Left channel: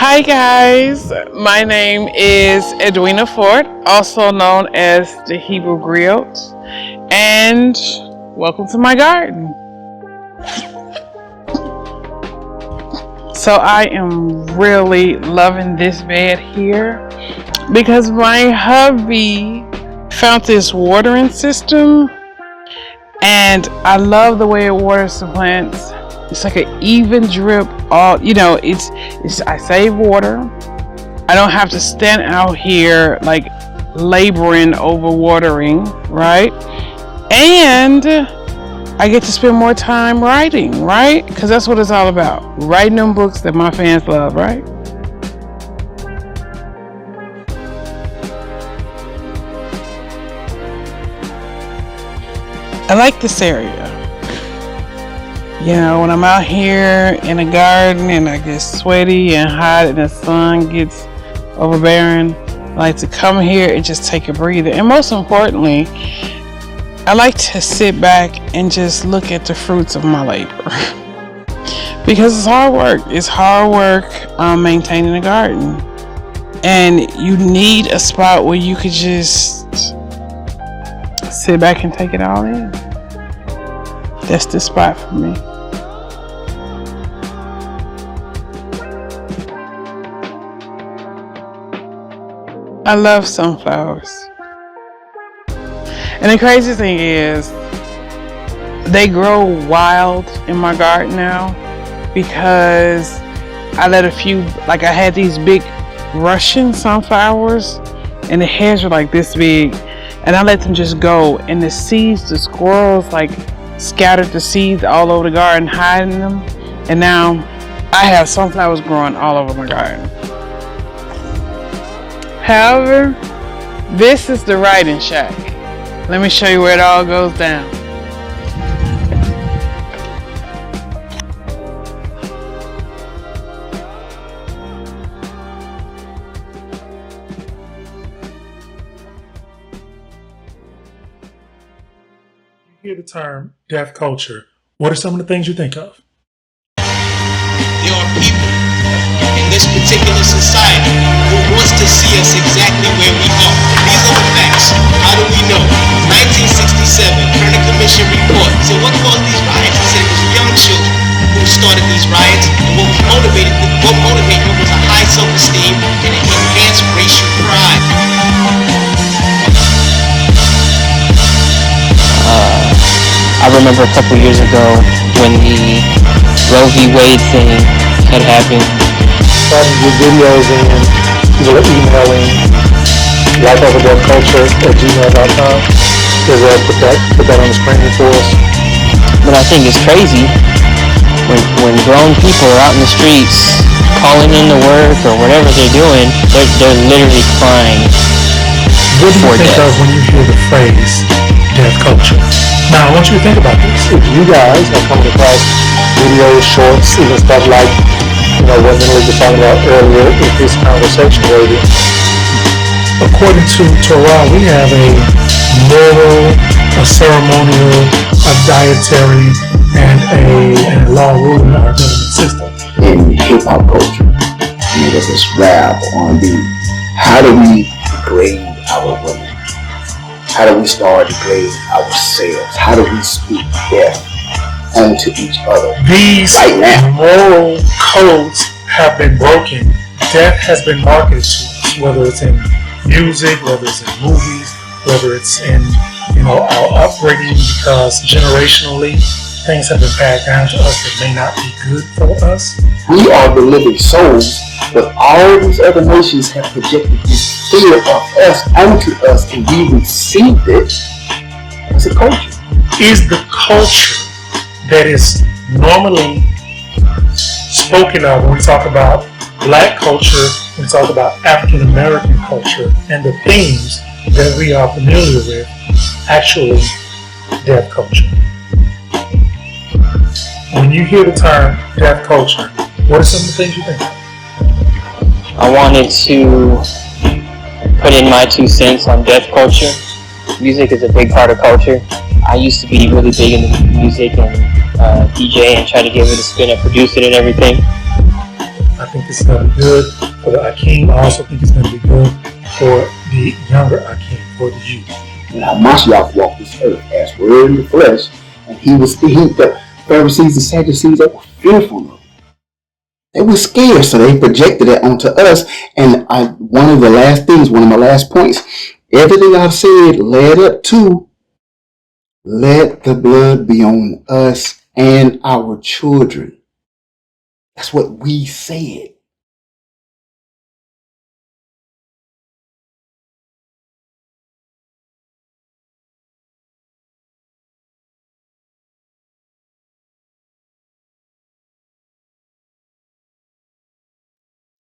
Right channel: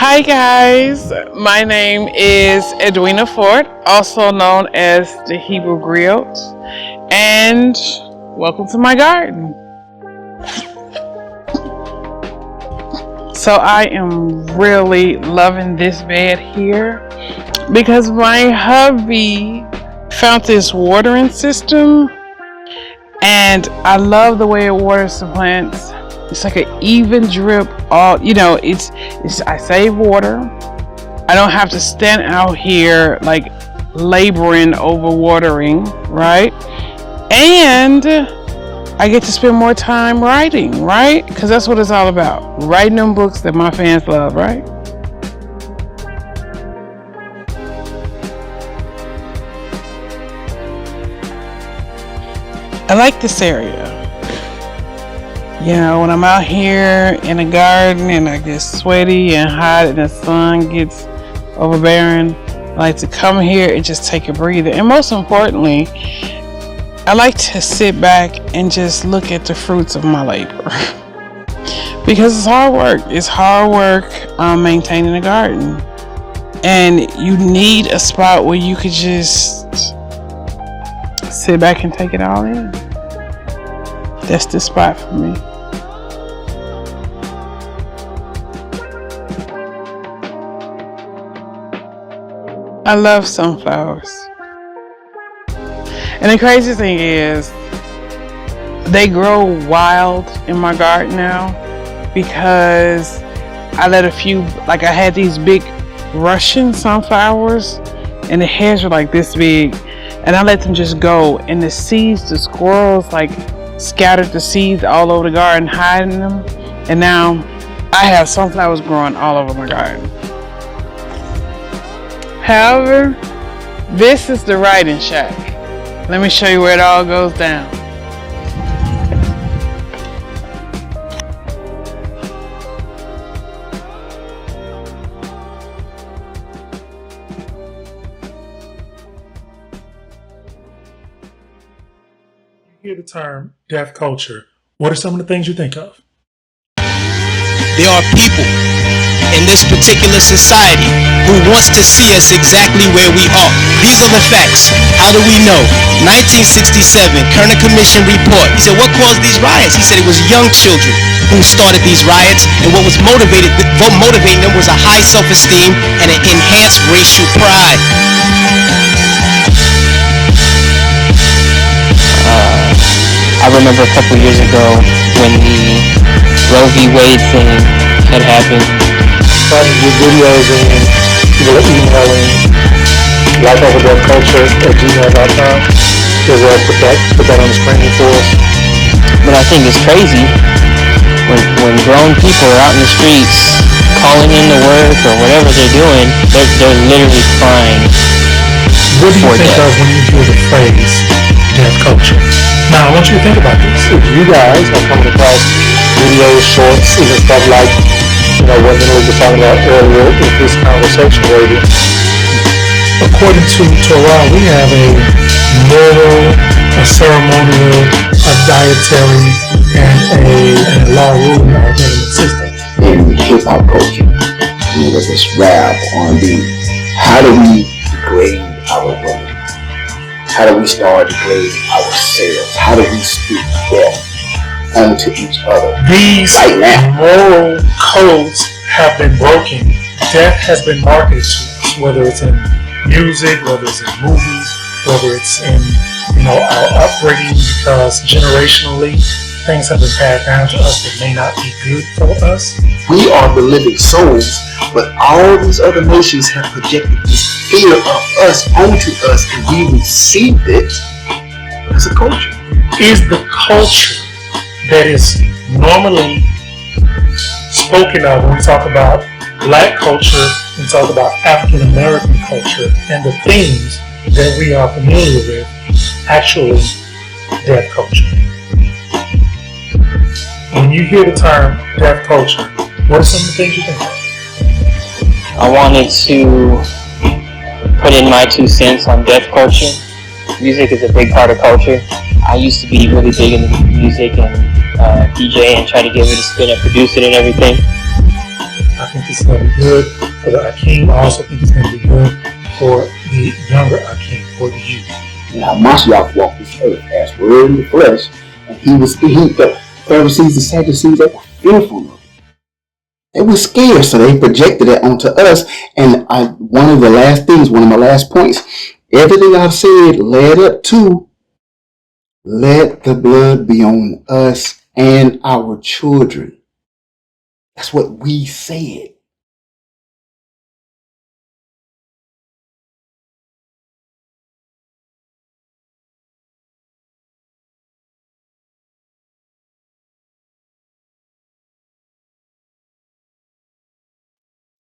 Hi guys, my name is Edwina Ford, also known as the Hebrew Griot, and welcome to my garden. So I am really loving this bed here because my hubby found this watering system and I love the way it waters the plants. It's like an even drip. It's I save water. I don't have to stand out here like laboring over watering, right? And I get to spend more time writing, right? Because that's what it's all about. Writing them books that my fans love, right? I like this area. You know, when I'm out here in the garden and I get sweaty and hot and the sun gets overbearing, I like to come here and just take a breather. And most importantly, I like to sit back and just look at the fruits of my labor. Because it's hard work. It's hard work maintaining a garden. And you need a spot where you could just sit back and take it all in. That's the spot for me. I love sunflowers. And the crazy thing is, they grow wild in my garden now because I let I had these big Russian sunflowers and the heads were like this big and I let them just go, and the squirrels scattered the seeds all over the garden, hiding them, and now I have sunflowers growing all over my garden. However, this is the writing shack. Let me show you where it all goes down. You hear the term deaf culture. What are some of the things you think of? There are people in this particular society who wants to see us exactly where we are. These are the facts. How do we know? 1967, Kerner Commission report. He said, what caused these riots? He said it was young children who started these riots, and what motivating them was a high self-esteem and an enhanced racial pride. I remember a couple years ago when the Roe v. Wade thing had happened. Starting to get videos in, people are emailing, lifeoverdeafculture@gmail.com. As well, put that on the screen for us. But I think it's crazy when grown people are out in the streets calling in to work or whatever they're doing, they're literally crying. What do you think of when you hear the phrase deaf culture? Now, I want you to think about this. If you guys are coming across videos, shorts, even stuff like, what Minnie was talking about earlier in this conversation, radio, according to Torah, we have a moral, a ceremonial, a dietary, and a law ruling our government system. In hip-hop culture, whether it's rap, R&B, how do we degrade our women? How do we start degrading ourselves? How do we speak death onto each other? These moral codes have been broken. Death has been marketed to us, whether it's in music, whether it's in movies, whether it's in our upbringing, because generationally things have been passed down to us that may not be good for us. We are the living souls, but all these other nations have projected this fear of us onto us, and we received it as a culture. Is the culture that is normally spoken of when we talk about Black culture, when we talk about African American culture, and the themes that we are familiar with, actually deaf culture? When you hear the term deaf culture, what are some of the things you think of? I wanted to put in my 2 cents on deaf culture. Music is a big part of culture. I used to be really big into music and DJ and try to give it a spin and produce it and everything. I think it's going to be good for the Akeem. I also think it's going to be good for the younger Akeem, for the youth. Now, Mashiach walked this earth as word in the flesh, and the Pharisees and Sadducees, they were fearful of it. They were scared, so they projected it onto us. And one of my last points, everything I've said led up to, let the blood be on us and our children. That's what we said.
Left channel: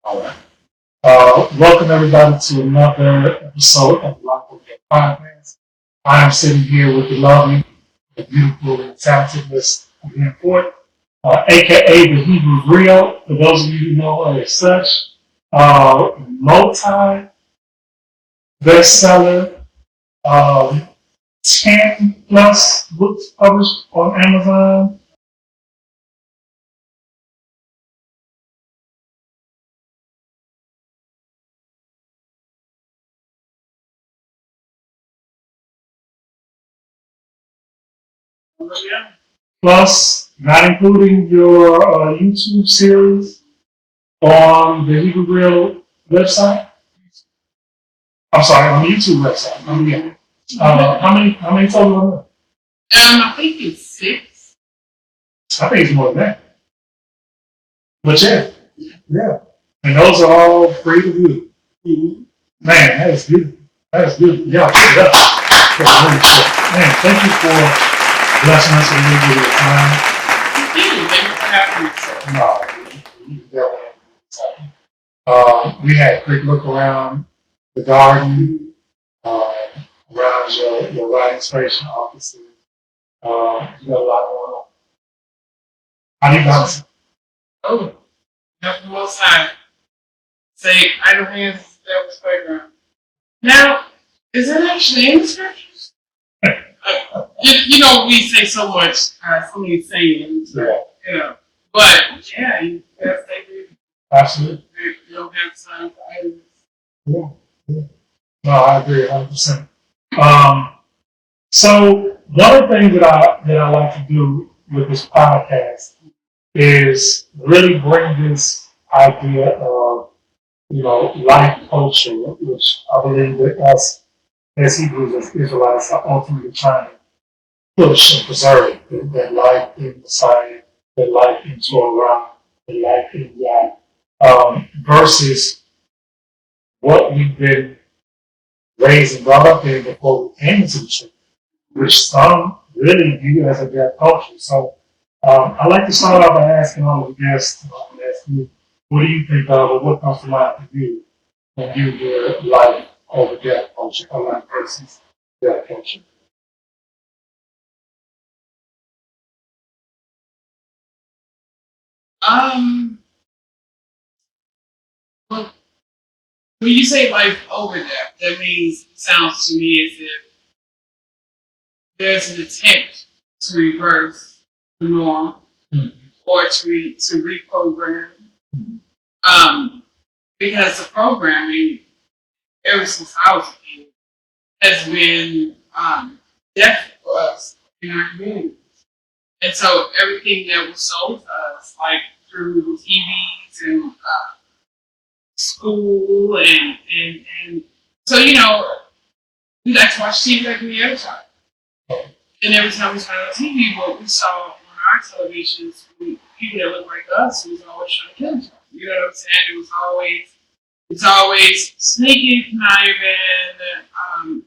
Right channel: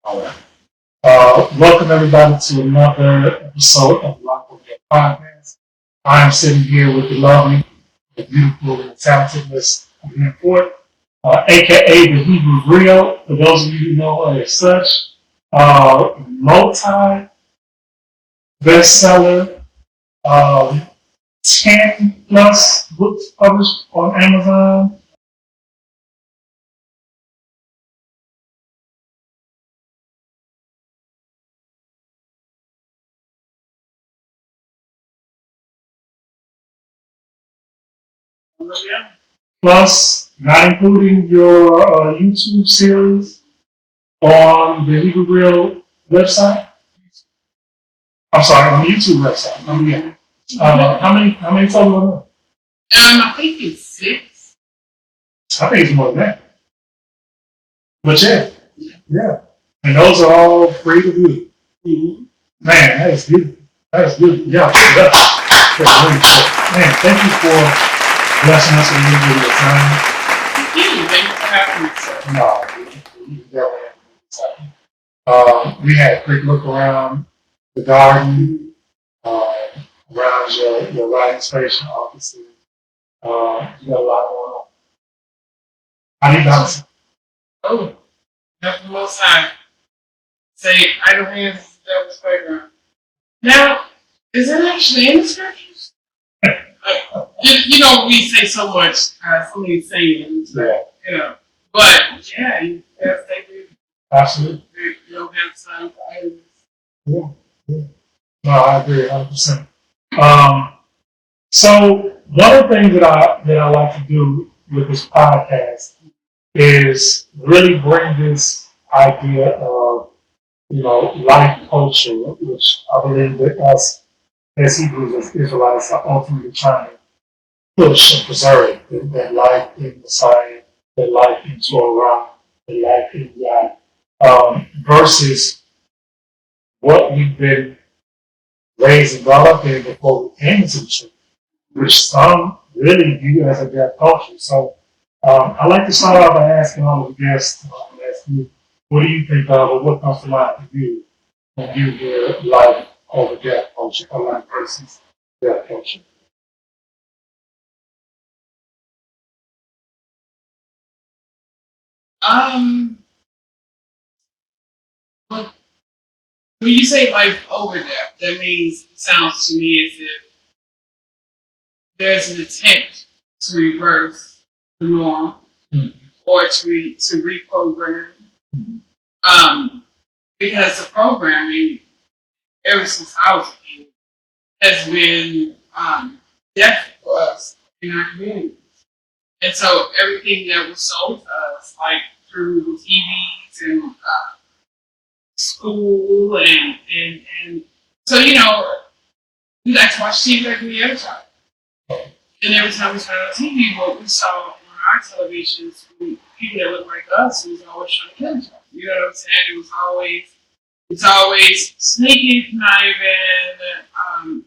All right. Welcome everybody to another episode of Life of Death Podcast. I am sitting here with the lovely, the beautiful, and talented Miss Edwina Ford, aka the Hebrew Grill. For those of you who know her as such, multi bestseller, 10 plus books published on Amazon. Plus, not including your YouTube series on the Hebrew Grill website. I'm sorry, on the YouTube website. How many total are there? I think it's 6. I think it's more than that. But yeah. And those are all free to view. Mm-hmm. Man, that is beautiful. Yeah. Really cool. Man, thank you for blessing us a little bit of your time. No, we had a quick look around the garden, around your writing station, obviously. You got a lot going on. How do you balance it? Oh, that's the most time. Say, idle hands, that was playground. Now, is that actually in the scriptures? You know, we say so much, so many sayings. Yeah. But, yeah, yes, they do. Absolutely. You don't have time for idleness. Yeah. No, I agree 100%. So one of the things that I like to do with this podcast is really bring this idea of, life culture, which I believe that us as Hebrews, as Israelites, are ultimately trying to push and preserve that life in Messiah, that life in Torah, that life in God, versus what we've been raised and brought up in before we came into the church, which some really view as a death culture. So I like to start off by asking all of the guests, ask you, what do you think of, or what comes to mind for you when you hear life over death culture, or life versus death culture? Well, when you say life over death, that means, sounds to me as if there's an attempt to reverse the norm or to reprogram. Because the programming, ever since I was a kid, has been death for us in our community. And so everything that was sold to us, like through the TVs and school and so, we like to watch TV like any other time. And every time we turned on TV, what we saw on our televisions, people that looked like us, who was always trying to kill each other. You know what I'm saying? It was always sneaking, conniving,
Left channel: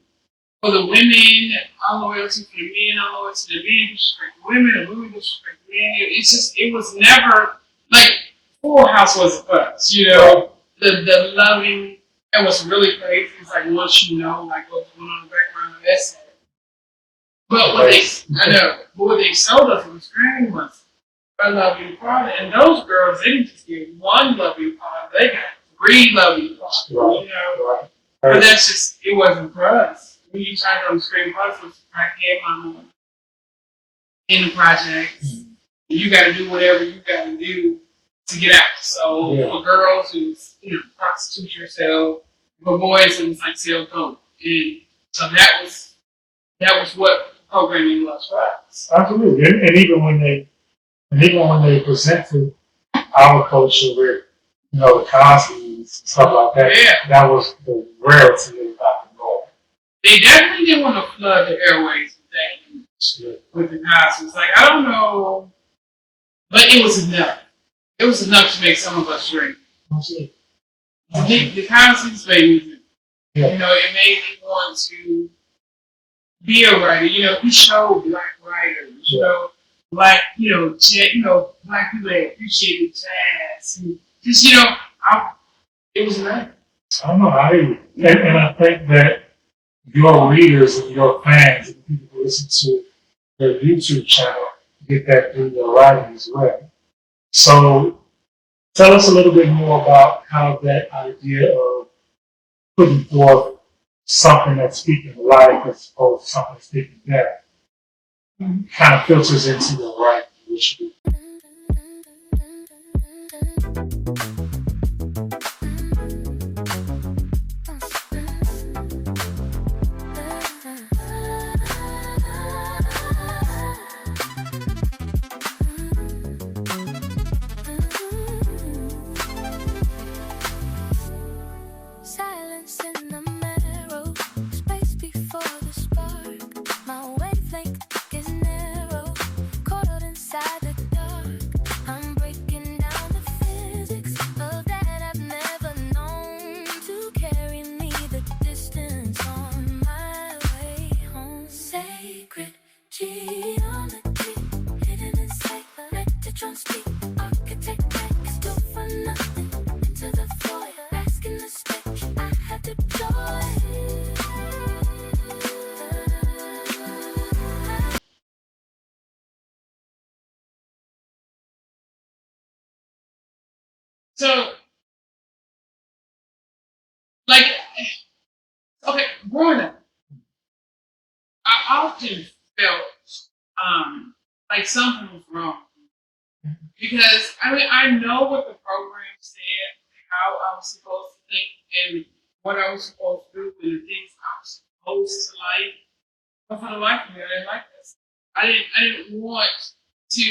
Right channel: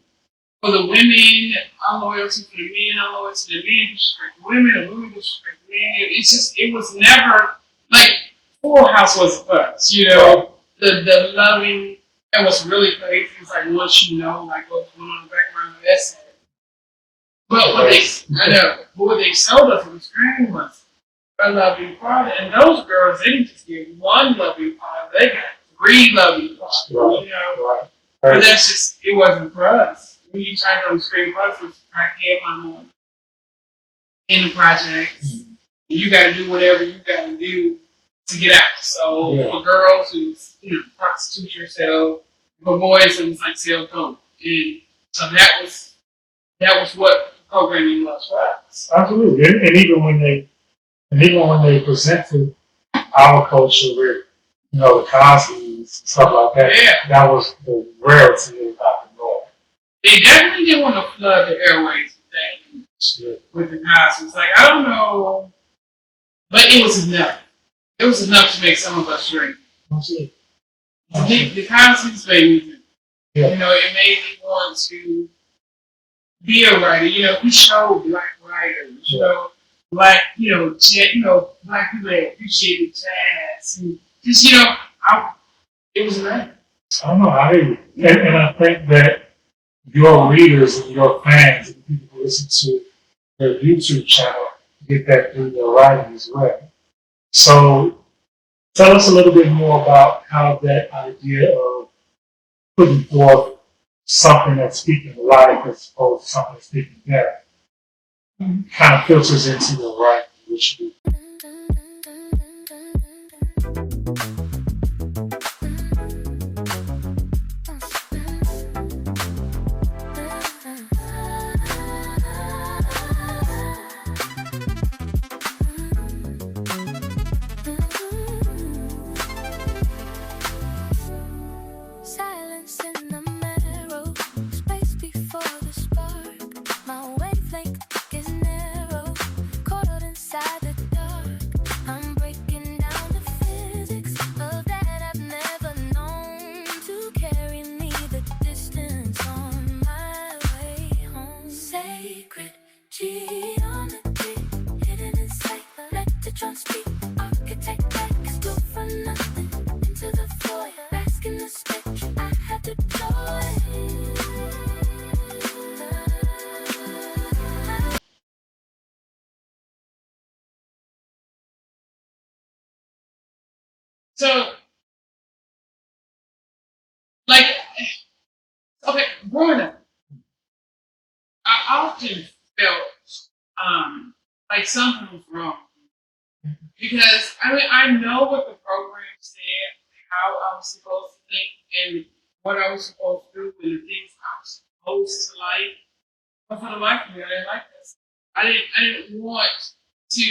for the women, unloyalty for the men, unloyalty to the men, disrespect the women, and women disrespect the men. It was never, like, Full House wasn't for us, The loving, and what's really crazy is, like, once you know, like, what's going on in the background of that set. But what they sold us on the screen was a loving father. And those girls, they didn't just get one loving father, they got 3 loving fathers, Right. But that's just, it wasn't for us. When you turned on the screen for us, it was crackhead mama in the projects. You got to do whatever you got to do to get out. So for girls, it was prostitute yourself. For boys, it was like sell dope. And so that was what programming was for us. Absolutely, and even when they presented our culture with the Cosby's and stuff like that, that was the rarity of rock and roll. They definitely didn't want to flood the airways with that with the Cosby's. Like, I don't know, but it was enough. It was enough to make some of us drink. The Cosby's made me, it made me want to be a writer. He showed black writers, black people that appreciated jazz. And just, it was enough. I don't know, and I think that your readers and your fans and the people who listen to their YouTube channel get that through your writing as well. So tell us a little bit more about how that idea of putting forth something that's speaking life as opposed to something that's speaking death kind of filters into your writing, which you do. So, growing up, I often felt like something was wrong. Because, I know what the program said, how I was supposed to think, and what I was supposed to do, and the things I was supposed to like. But for the life of me, I didn't like this. I didn't want to,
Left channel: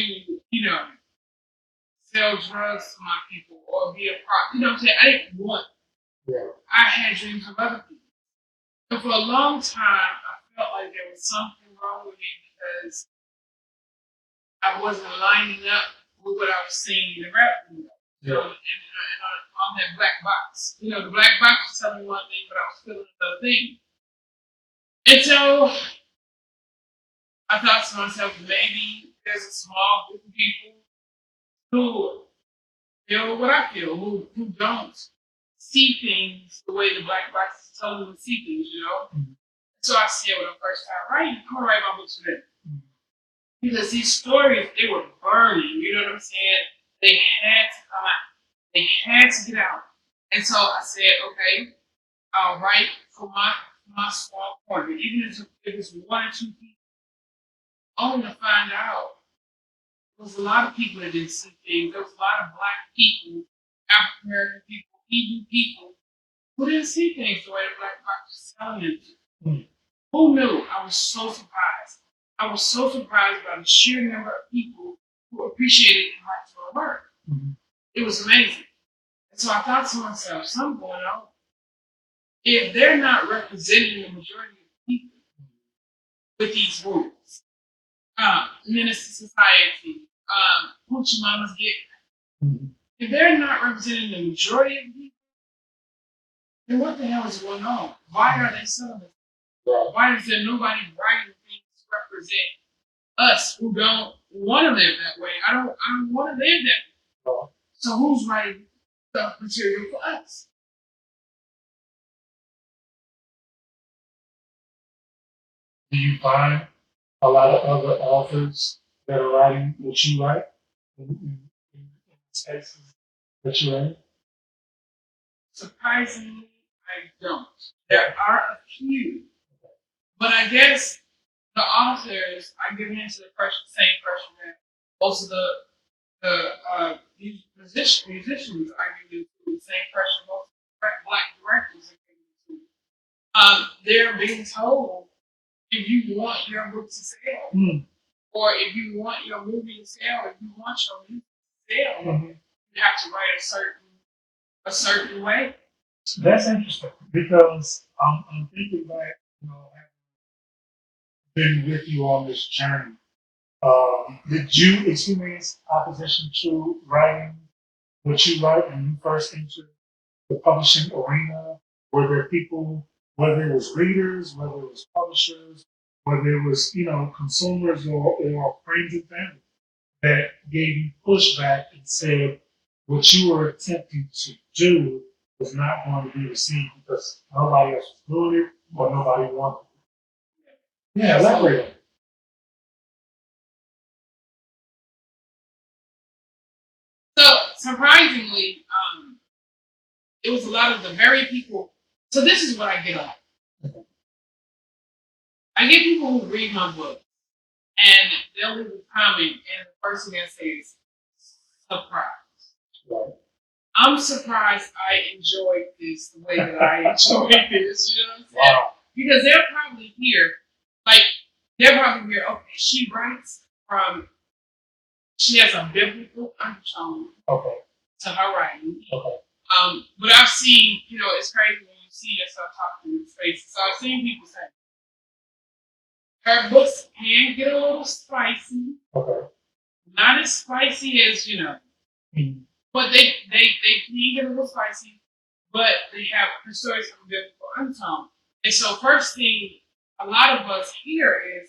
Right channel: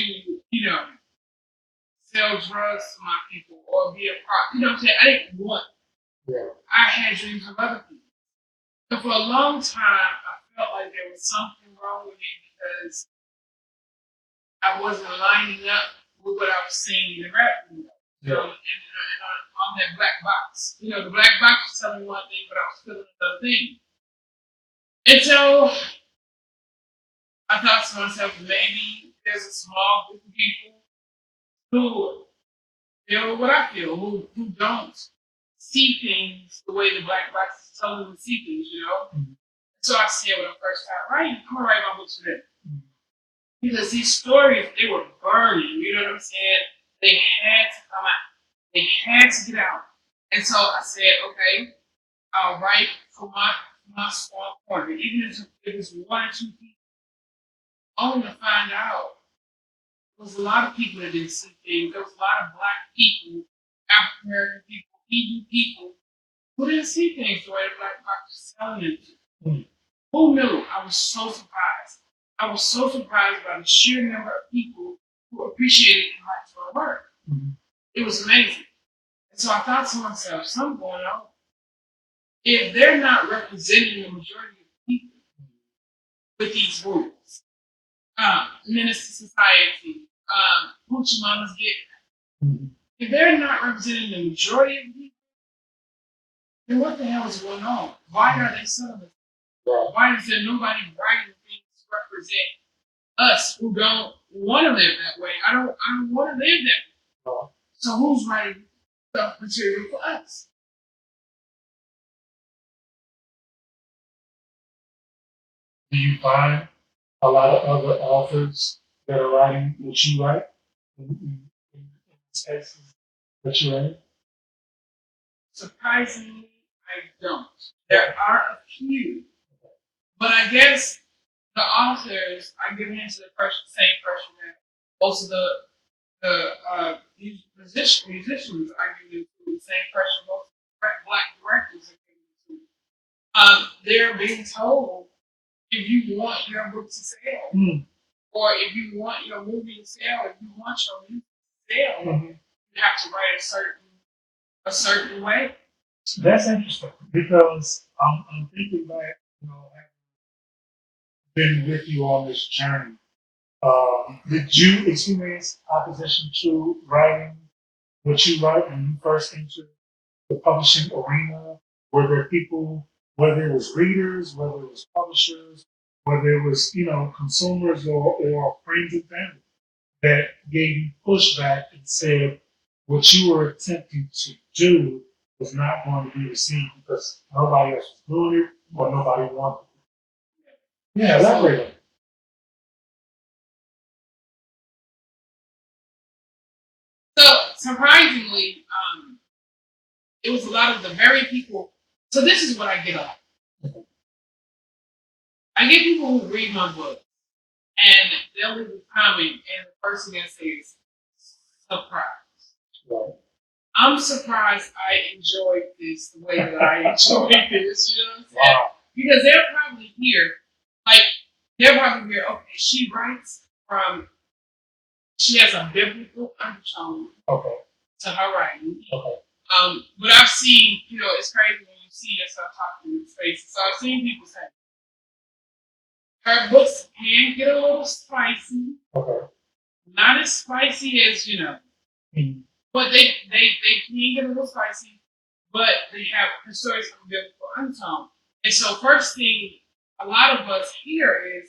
sell drugs to my people or be a prop. You know what I'm saying? I didn't want it. I had dreams of other people. So for a long time, I felt like there was something wrong with me because I wasn't lining up with what I was seeing in the rap video. And on that black box. The black box was telling me one thing, but I was feeling another thing. And so I thought to myself, maybe there's a small group of people who feel what I feel, who don't see things the way the black box is telling them to see things, Mm-hmm. So I said when I first started writing, I'm gonna write my books for them. Mm-hmm. Because these stories, they were burning, you know what I'm saying? They had to come out. They had to get out. And so I said, okay, I'll write for my small corner. Even if it was one or two people, only to find out there was a lot of people that didn't see things. There was a lot of black people, African American people, Hebrew people, who didn't see things the way the black box was telling them to. Mm-hmm. Who knew? I was so surprised. I was so surprised by the sheer number of people who appreciated and liked my work. Mm-hmm. It was amazing. And so I thought to myself, something going on. If they're not representing the majority of people with these rules, Minister Society, Hoochie Mama's Get, mm-hmm. If they're not representing the majority of people, then what the hell is going on? Why are they celebrating? Why is there nobody writing things to represent us who don't want to live that way? I don't want to live that way. So who's writing stuff material for us? Do you find a lot of other authors that are writing what you write in spaces that you're in? Surprisingly, I don't. There are a few, but I guess the authors are giving into the same pressure that most of the these musicians are getting into the same pressure black directors are getting into. They're being told if you want your book to sell, or if you want your movie to sell, if you want your movie to sell, you have to write a certain way. That's interesting because I'm thinking back, having been with you on this journey. Did you experience opposition to writing what you write when you first entered the publishing arena? Were there people, whether it was readers, whether it was publishers, whether it was, consumers or friends and family that gave you pushback and said what you were attempting to do was not going to be received because nobody else was doing it or nobody wanted it? Yeah, elaborate on it. So surprisingly, it was a lot of the very people. So this is what I get up. I get people who read my book and they'll leave a comment and the first thing they say is surprise. Right. I'm surprised I enjoyed this the way that I enjoyed this, you know what I'm saying? Wow. Because they're probably here, okay, she writes she has a biblical undertone to her writing. Okay. But I've seen, it's crazy when you see yourself talking in spaces. So I've seen people say, her books can get a little spicy. Okay. Not as spicy as, but they can get a little spicy, but they have her stories have a biblical undertone. And so first thing a lot of us hear is,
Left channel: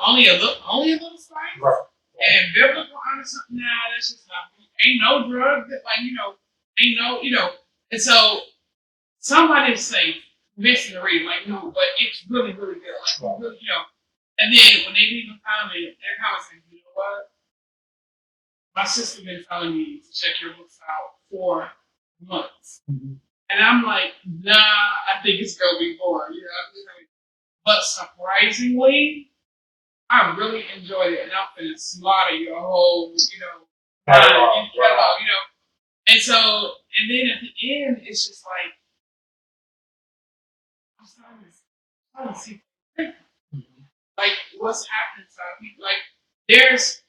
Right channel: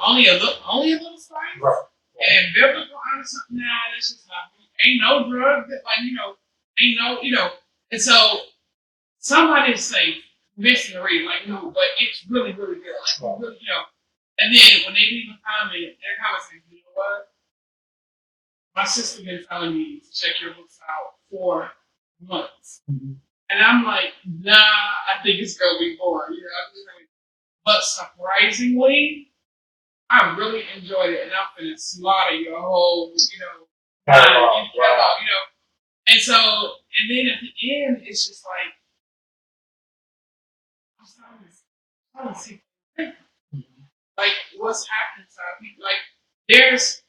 only a little spice. Right. And biblical undertone, that's just not, ain't no drug that ain't no. And so somebody say, missing the read, no, but it's really, really good. Really, and then when they leave a comment, they're kind of saying, you know what? My sister been telling me to check your books out for months. And I'm like, nah, I think it's gonna be more. But surprisingly, I really enjoyed it, and I'm gonna slaughter your whole, catalog. And so, and then at the end, it's just like I'm starting to see like what's happening to our people. Like there's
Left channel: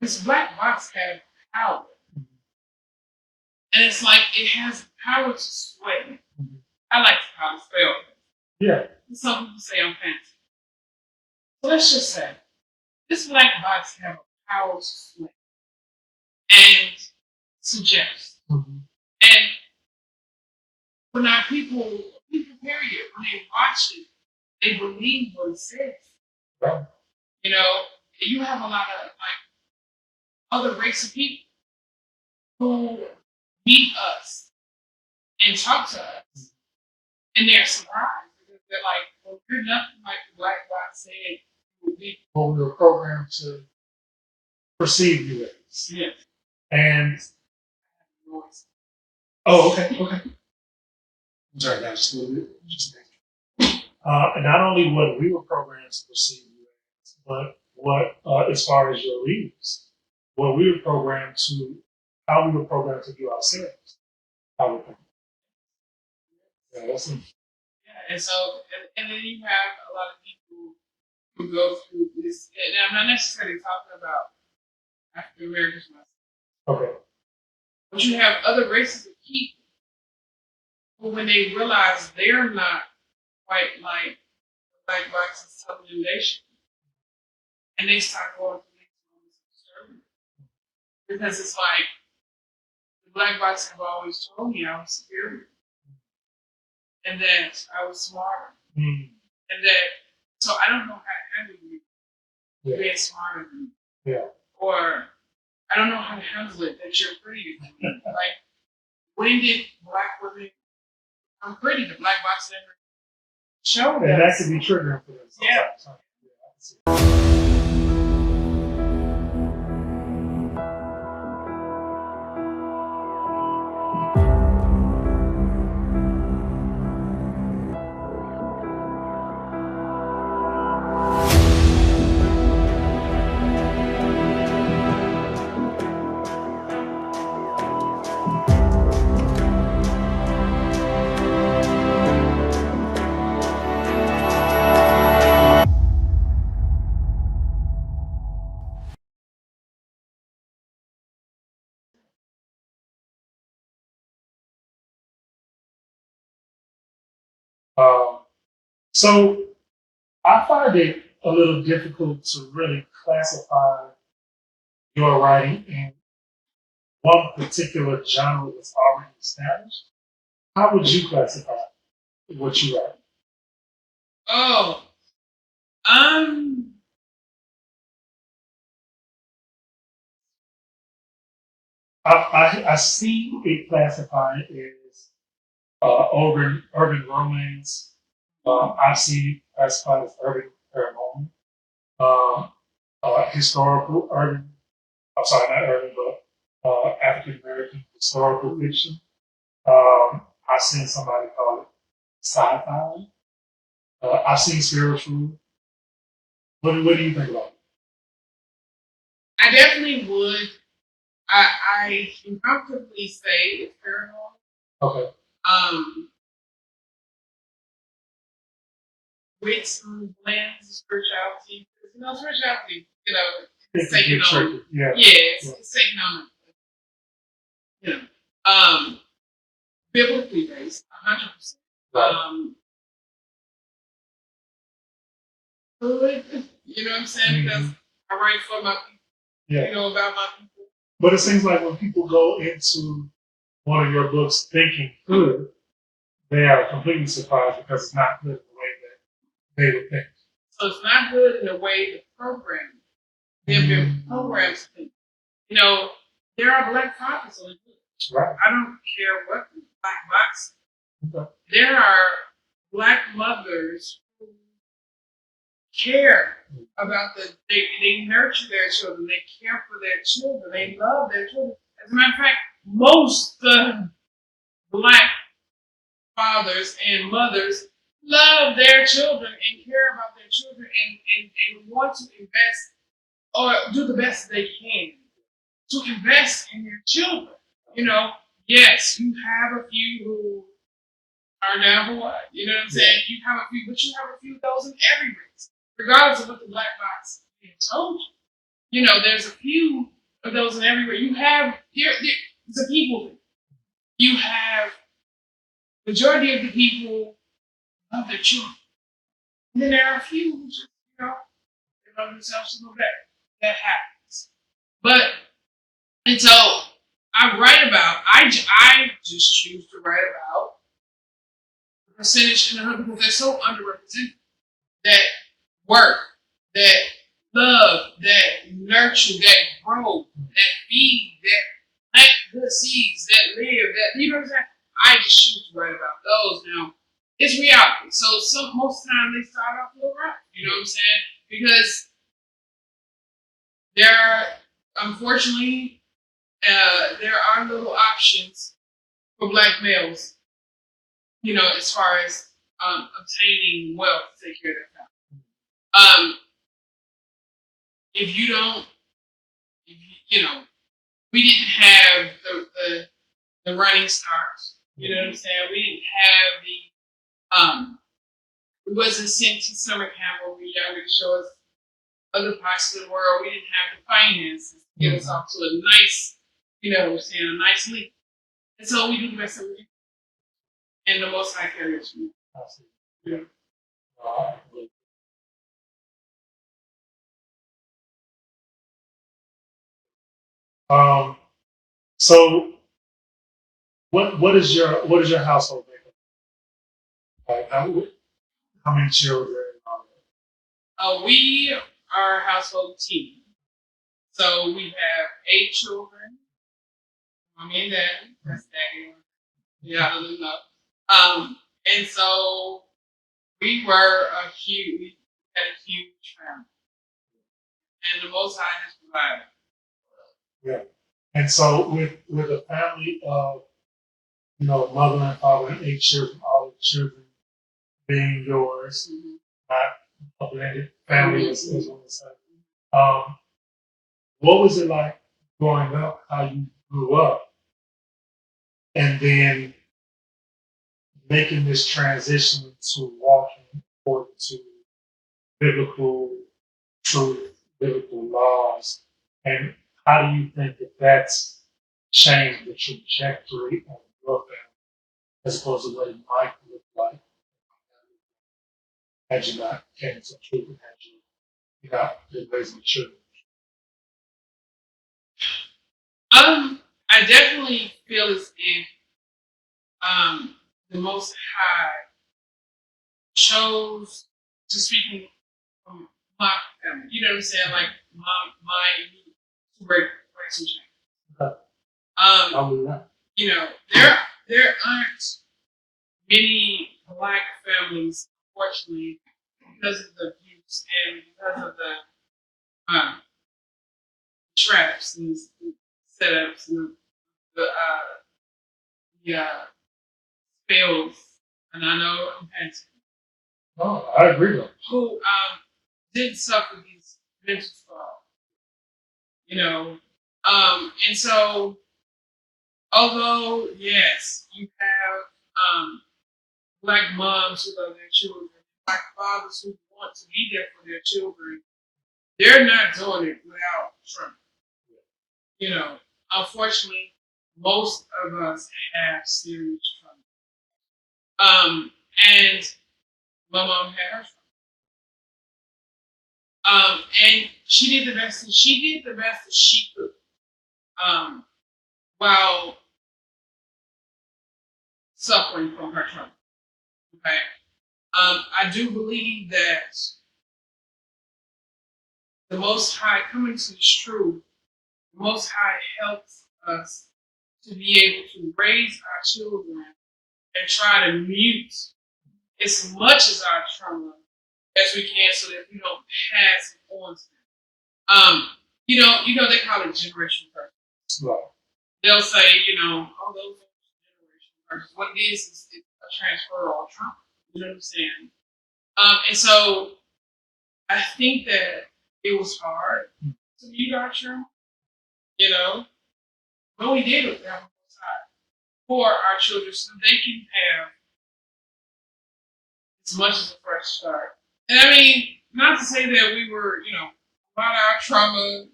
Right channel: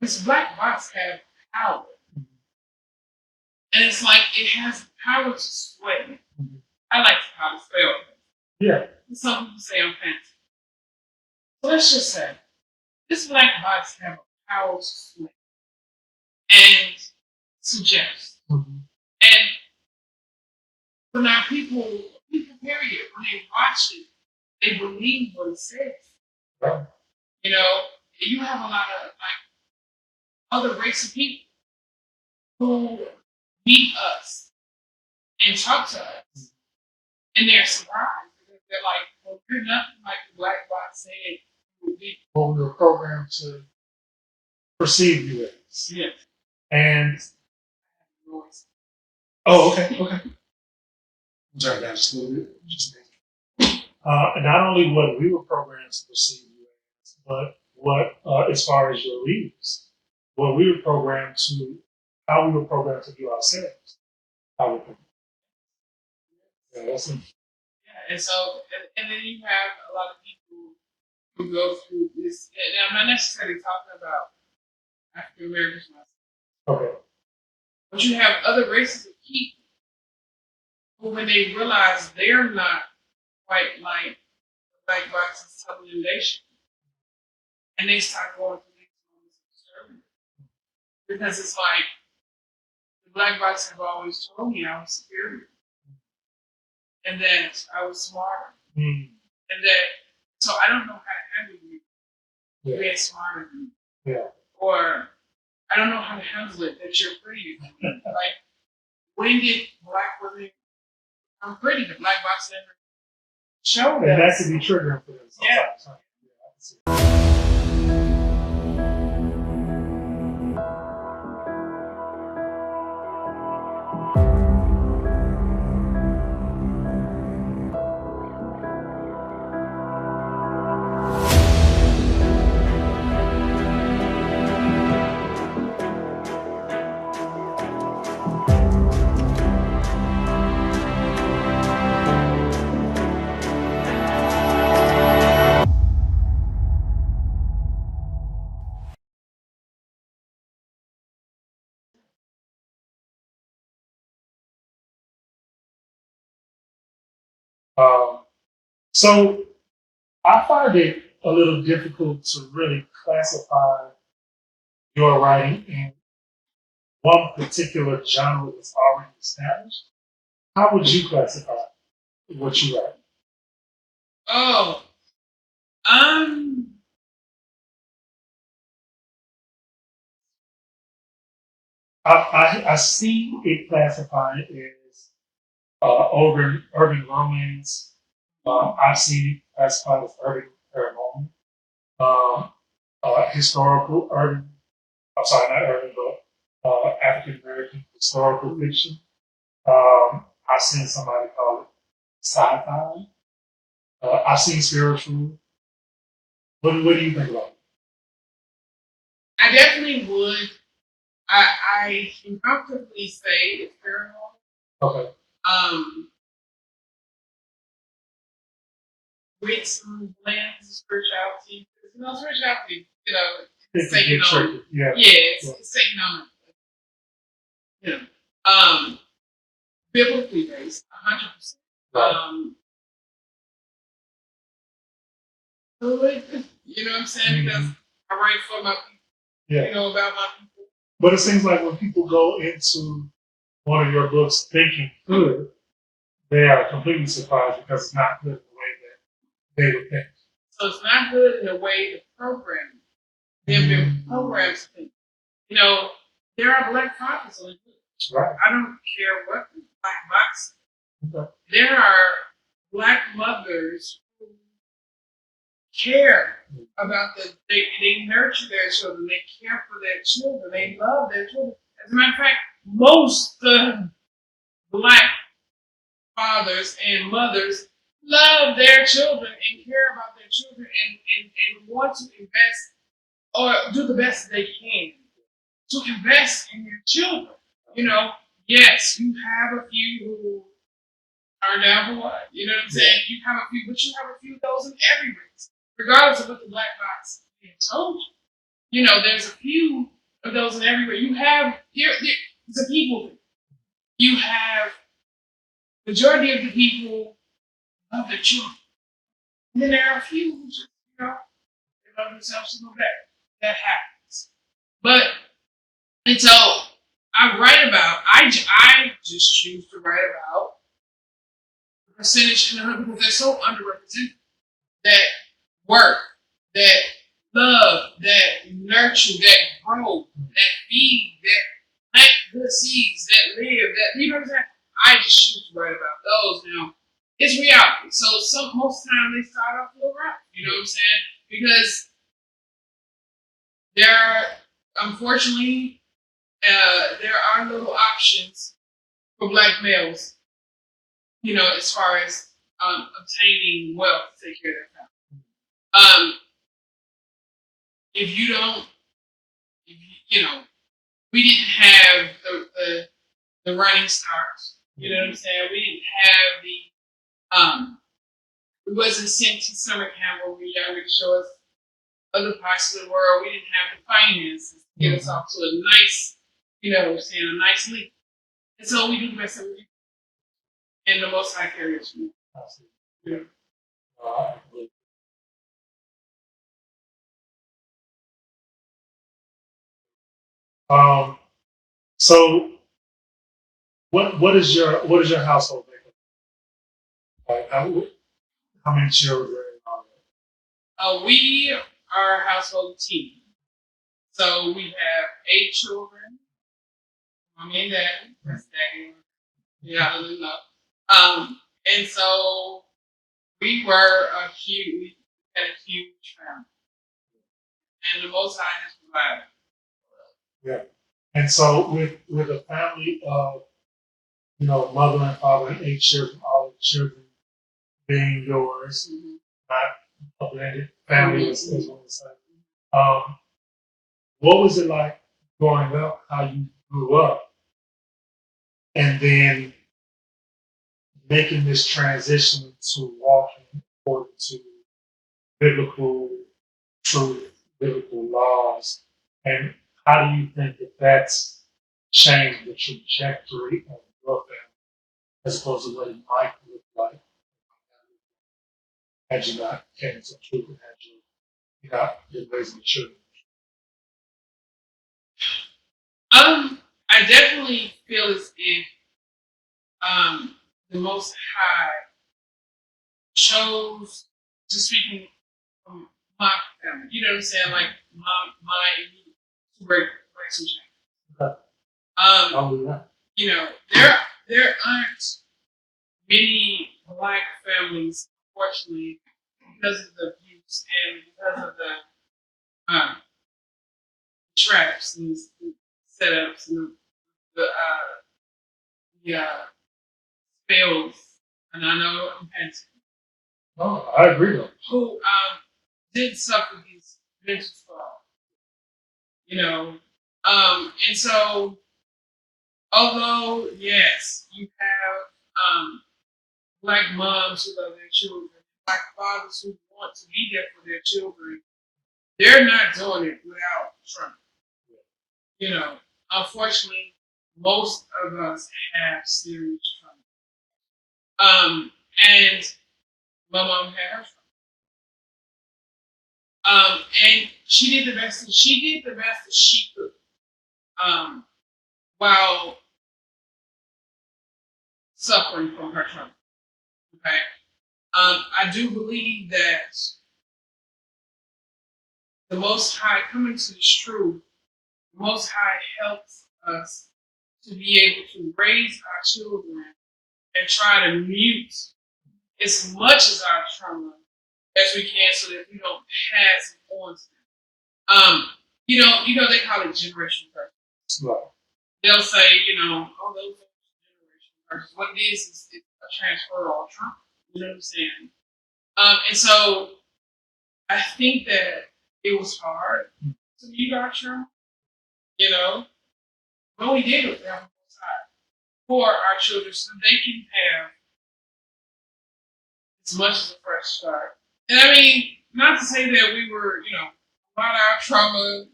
this black box have power, and it's like it has power to sway. I like how to spell it. Yeah. Some people say I'm fancy. So let's just say this black box have a power to sway and suggest. And when our people period, when they watch it, they believe what it says. Yeah. You have a lot of other race of people who meet us and talk to us, and they're surprised. They're like, well, you're nothing like the black box said you would be. Well, we were programmed to perceive you as. Yeah. And okay. I'm sorry, that was a little bit. Not only what we were programmed to perceive you as, but what, as far as your leaders, what we were programmed to, how we were programmed to view ourselves. And so, and then you have a lot of people who go through this. And I'm not necessarily talking about African Americans, okay, but you have other races of people who, when they realize they're not quite like the black box is telling them they should be, and they start going through these moments of disturbance, because it's like the black box have always told me I was superior. And that I was smarter. And that, so I don't know how to handle you being smarter than me. Yeah. Or I don't know how to handle it that you're prettier than me. Like, when did black women become pretty? The black box never showed us. And that can be triggering for them. Yeah. So I find it a little difficult to really classify your writing in one particular genre that's already established. How would you classify what you write? Oh, um, I see it classified as urban romance. I've seen it classified as urban paranormal, uh, historical urban. I'm sorry, not urban, but African American historical fiction. I've seen somebody call it sci-fi. I've seen spiritual. What do you think about I definitely would. I can comfortably say it's paranormal. it? Okay. With some blends of spirituality. Spirituality, It's it's taking on. tricky. Yeah. It's taking on. You know, biblically based, 100%. Right. You know what I'm saying? Because I write for my people. Yeah. About my people. But it seems like when people go into one of your books thinking good, they are completely surprised because it's not good the way that they would think. So it's not good in the way the program. They've been programmed to think. There are black fathers on the book. Right. I don't care what the black box. Okay. There are black mothers who care about they nurture their children, they care for their children, they love their children. As a matter of fact, most black fathers and mothers love their children and care about their children and want to invest or do the best they can to invest in your children. Yes, you have a few who are down for what? You know what I'm saying? You have a few, but you have a few of those in every race, regardless of what the black box told you. There's a few of those in every race. You have it's a people thing. You have majority of the people love their children. And then there are a few who just, they love themselves a little better. That happens. And so I just choose to write about the percentage because they're so underrepresented. That work, that love, that nurture, that grow, that feed, that plant good seeds, that live, that, you know what I'm saying? I just choose to write about those now. It's reality. So most of the time they start off a little rough, you know what I'm saying? Because there are, unfortunately, there are little options for black males, as far as obtaining wealth to take care of their family. If you don't, we didn't have the running stars. You know what I'm saying? We didn't have we wasn't sent to summer camp when we were younger to show us other parts of the world. We didn't have the finances to get us off to a nice, a nice leap. And so we do the best that we can. And the most high carriers. Yeah. So what is your household makeup? How many children? We are a household team. So we have 8 children. Mommy and daddy. That's daddy. Yeah, I don't know. And so we were we had a huge family. And the Most High has provided. Yeah. And so with a family of, mother and father and 8 children, all the children being yours, not a blended family, as one would say. What was it like growing up, how you grew up, and then making this transition to walking according to biblical truth, biblical laws, and how do you think that that's changed the trajectory of your family as opposed to what it might look like? had you not came into the truth and had you not been raising the children? I definitely feel as if the Most High chose, to speaking from my family, you know what I'm saying, like my great relationship. You know, there aren't many black families, unfortunately, because of the abuse and because of the traps and the setups and the spells. And I know I'm pensive. No, I agree with you. Who did suffer these mental scars, you know, and so although yes, you have black moms who love their children, black fathers who want to be there for their children, they're not doing it without trauma. You know, unfortunately, most of us have serious trauma. And my mom had her trauma. And she did the best that she could. While suffering from her trauma. Okay. I do believe that the Most High, coming to this truth, the Most High helps us to be able to raise our children and try to mute as much of our trauma as we can, so that we don't pass it on to them. You know, they call it generational curse. Right. They'll say, oh, those are generational curses. What it is a transfer of trauma. You know what I'm saying? And so I think that it was hard to mute our trauma, but we did it for our children so they can have as much as a fresh start. And I mean, not to say that we were, a lot of our trauma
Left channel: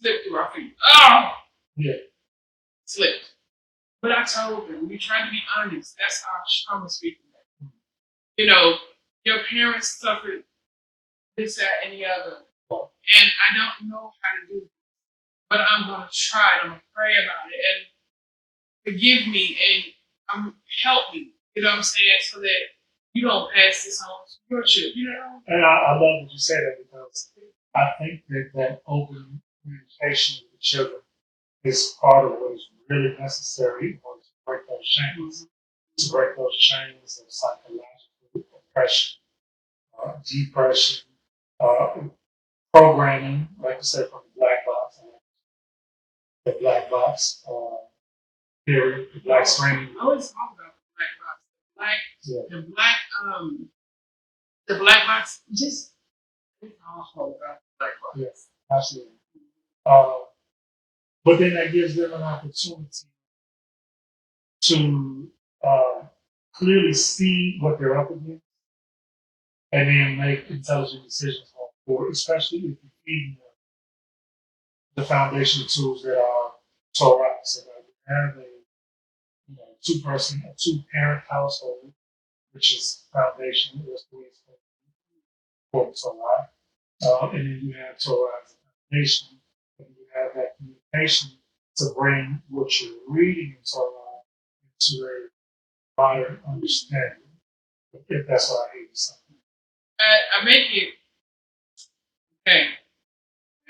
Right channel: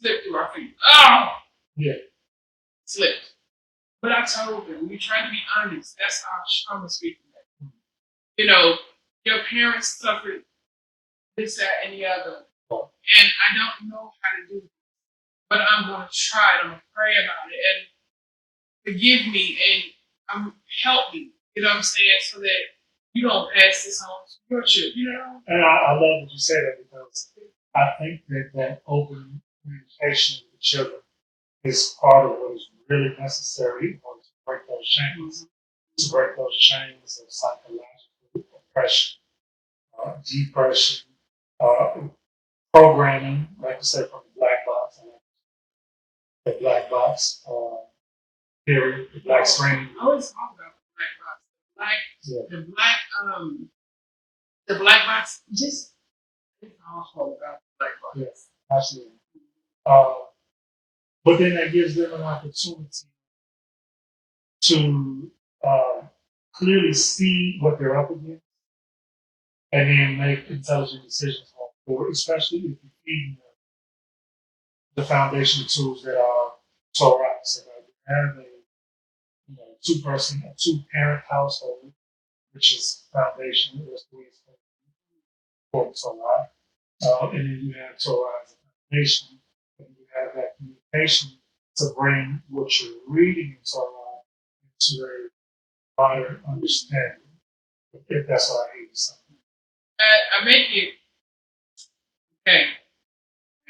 slipped through our feet. Oh! Yeah. Slipped. But I told them, we tried to be honest. That's our trauma speaking. Your parents suffered this, that, and the other. And I don't know how to do it. But I'm going to try it. I'm going to pray about it. And forgive me and help me. You know what I'm saying? So that you don't pass this on to your children, And I love that you say that, because I think that open communication with the children is part of what is really necessary in order to break those chains. Mm-hmm. To break those chains of psychological oppression, depression, programming, like you said, from the black box theory, the black screen. I always talk about the black box. The black box, just awful about the black box. Yes, absolutely. But then that gives them an opportunity to clearly see what they're up against and then make intelligent decisions going forward, especially if you're feeding them the foundational tools that are Torah. So that we have a two-parent household, which is foundational, that's the way it's for Torah. And then you have Torah as a foundation, and you have that communication to bring what you're reading in Torah into a broader understanding, if that's what I hate something. I make it okay.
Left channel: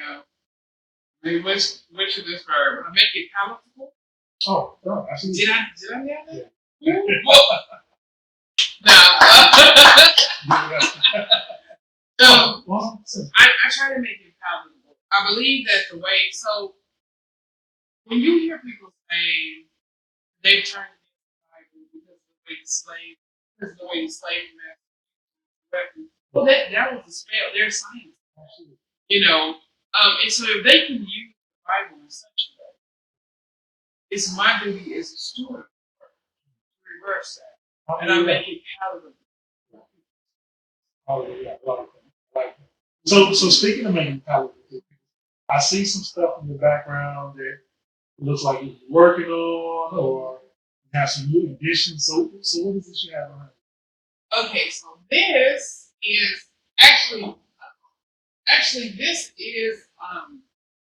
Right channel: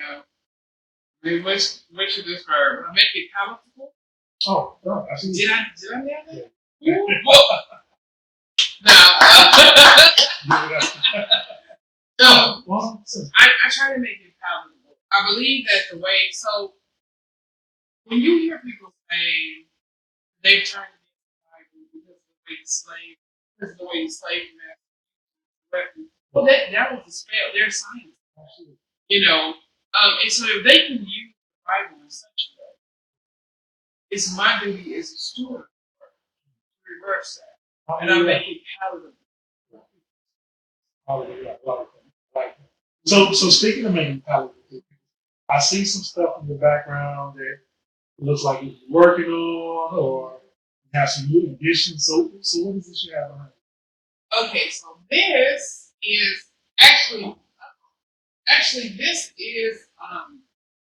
I mean, which is this verb? I make it palatable. Oh, no, absolutely. Did I nail that? Yeah. No. I try to make it palatable. I believe that the way, so when you hear people say they turn against the Bible because of the way the slave master, well, that was the spell. Their science, and so if they can use the Bible in such a way, it's my duty as a steward to reverse that, and I make it palatable. So speaking of making palatable, I see some stuff in the background that looks like you're working on, or you have some new additions. So what is this you have behind? Okay, so this is actually this is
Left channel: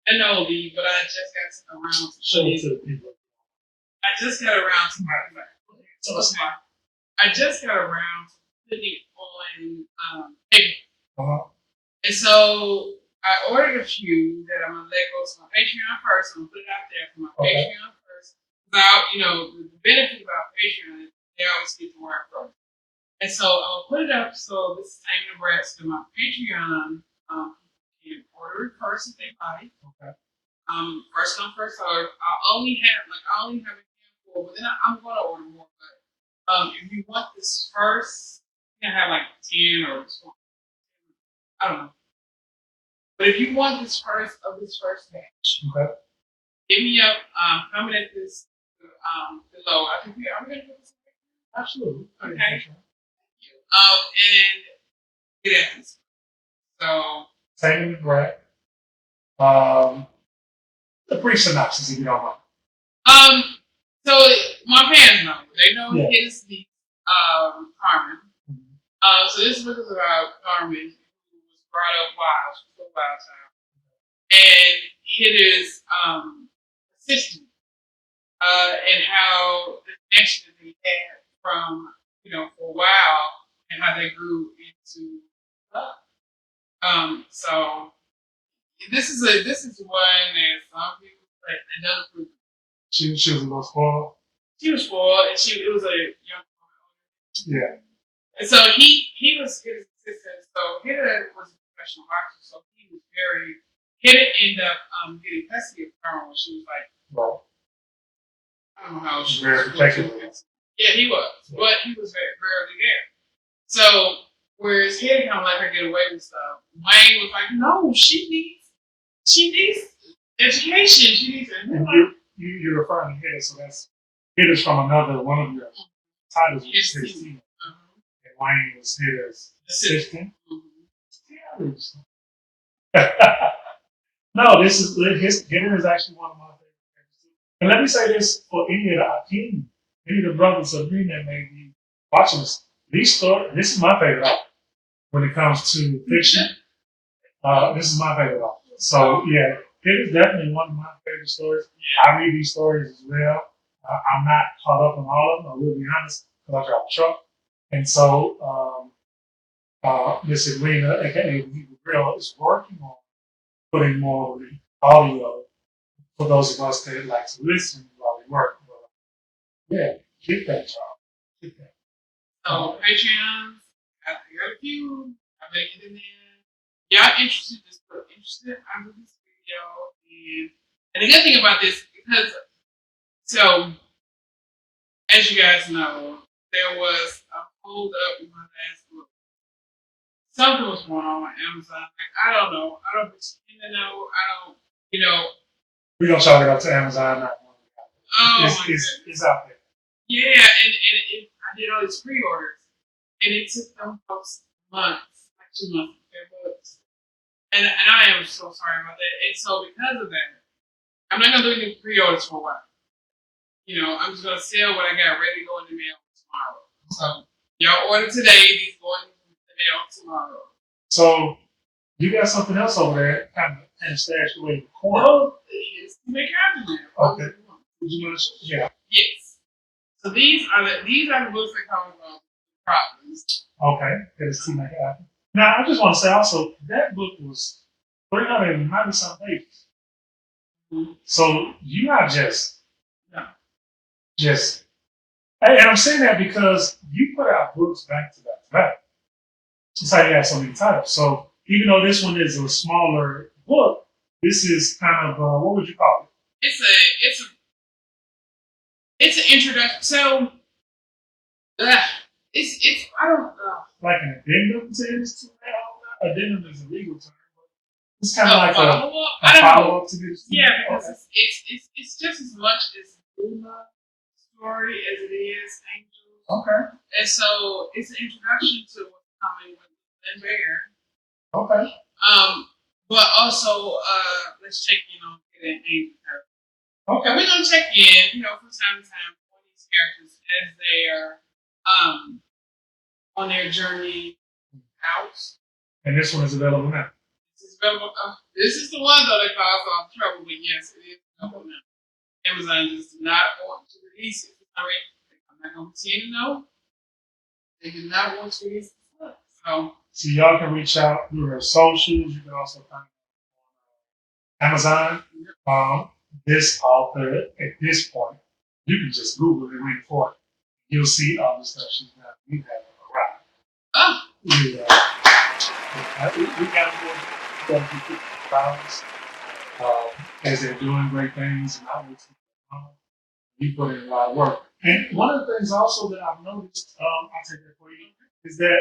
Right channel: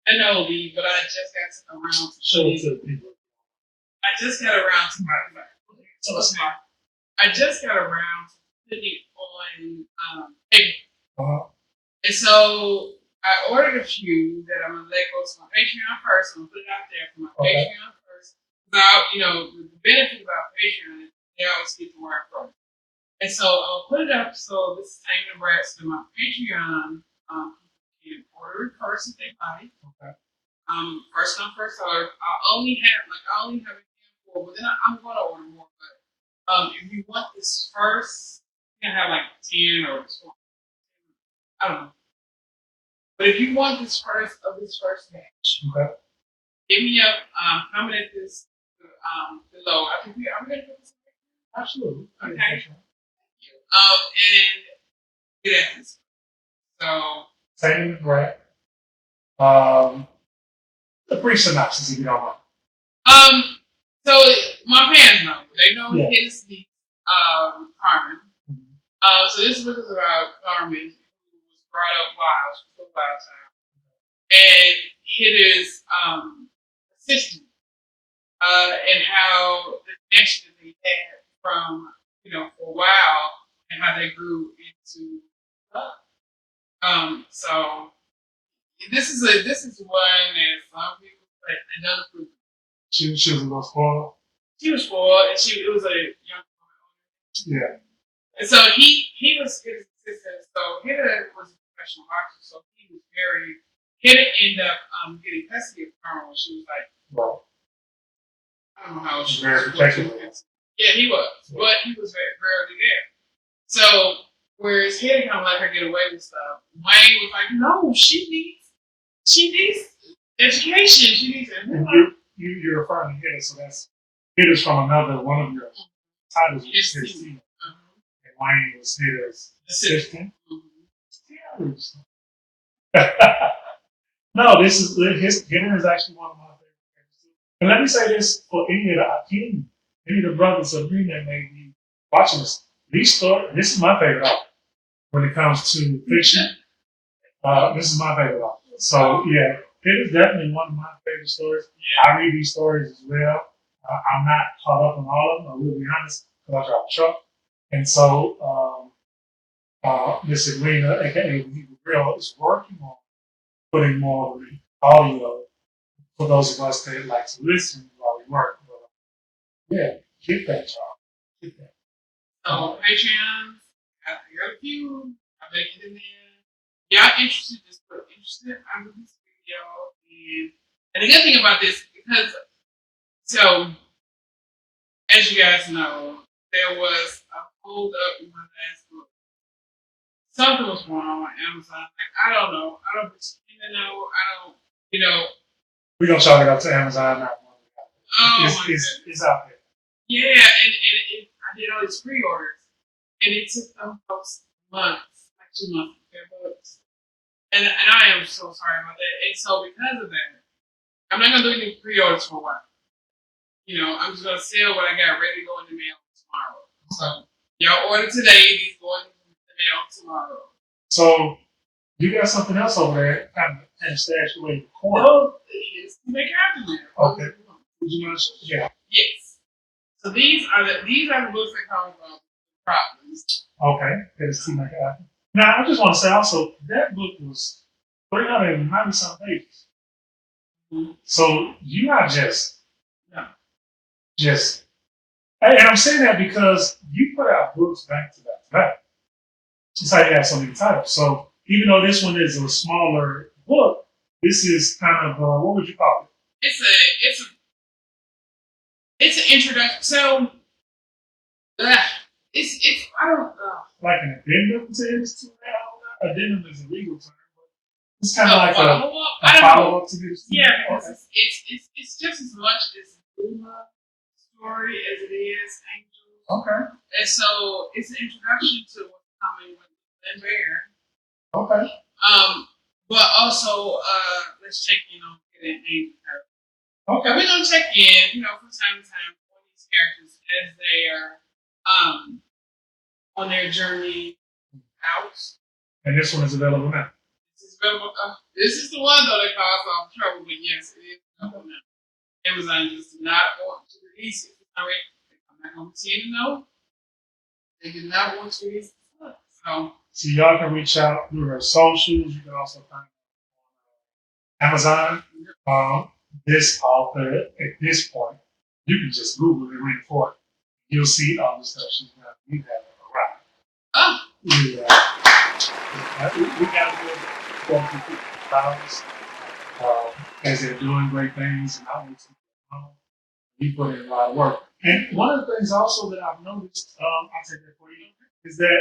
an oldie, but I just got around to Show it to the people. I just got around to I just got around to putting it on paper. And so I ordered a few that I'm gonna let go to my Patreon first. I'm gonna put it out there for my Patreon first. About the benefit about Patreon is they always get more from it. And so I'll put it up so this same address to my Patreon. You can order it first if they like. Okay. First come, first serve. I only have a handful, but then I'm gonna order more. But if you want this first, you can have like 10 or 20. I don't know. But if you want this first batch, okay, hit me up. Comment at this below. I think I'm gonna put this. Absolutely. Okay. And yes. So. Same right. A brief synopsis, if you don't mind. So my parents know. They know it is the Carmen. So this book is about Carmen, who was brought up wild. She was a wild child. And it is assistant and how the connection that they had from for a while and how they grew into love. So this is one that some people say another proof. She was a little spoiled. She was spoiled, and it was a young woman. Yeah. And so he was his assistant. So Hitta was a professional boxer, so Hitta ended up getting custody of her when she was like, well, I don't know how she was. Very protective. Yeah, he was. Yeah. But he was very rarely there. So whereas Hitta kind of let her get away with stuff, Wayne was like, no, she needs education. She needs it. You're referring to Hitta, so Hitta's from another one of your titles, which is his team. And Wayne was Hitta's assistant. Yeah. No, Hitta is actually one of my favorites. And let me say this for any of the brothers of Green that may be watching this. This is my favorite author when it comes to fiction. This is my favorite author. So yeah, it is definitely one of my favorite stories. Yeah. I read these stories as well. I'm not caught up on all of them. I will be honest, because I drive a truck. And so Miss Edwina, aka the Real, is working on putting more of the audio for those of us that like to listen while we work. Yeah, get that, y'all. So Patreon, I got a few. I bet it in there. Y'all interested? Just put interested under this video. And the good thing about this, because as you guys know, there was a hold up in my last book. Something was going on with Amazon. Like, I don't know. I don't pretend to know. We're going to chalk it up to Amazon now. It's out there. Yeah, and I did all these pre-orders. And it took them folks months, like 2 months to their books. And I am so sorry about that. And so because of that, I'm not going to do any pre-orders for a while. I'm just going to sell what I got ready to go in the mail tomorrow. So y'all order today, these going in the mail tomorrow. So you got something else over there kind of stashed away in the corner. No, it's to make happen there. Okay. Would you mind to show? Yeah. Yes. So these are the books that come from Problems. Okay. It's to make happen. Now I just want to say also that book was 390 some pages. Mm-hmm. So you're not just and I'm saying that because you put out books back to back. Just like you have so many titles. So even though this one is a smaller book, this is kind of what would you call it? It's an introduction. So it's I don't know. Like an addendum to this? Addendum is a legal term, but it's kind of like a follow-up to this. Yeah, because it's just as much as Edwina story as it is Angel. Okay. And so it's an introduction to what's coming with Lynn Bear. Okay. But also let's check in on it and Angel. Okay. And we're gonna check in, from time to time on these characters as they are on their journey out. And this one is available now. This is the one though that caused all the trouble, but yes, it is available now. Amazon does not want to release it. All right, they come back on the scene. No, they do not want to release it. So y'all can reach out through her socials. You can also find her on Amazon. This author, at this point, you can just Google and read for it. You'll see all the stuff she's done. You have arrived. Oh. We got to do balance as they're doing great things and outreach. You put in a lot of work. And one of the things also that I've noticed, I'll take that for you, is that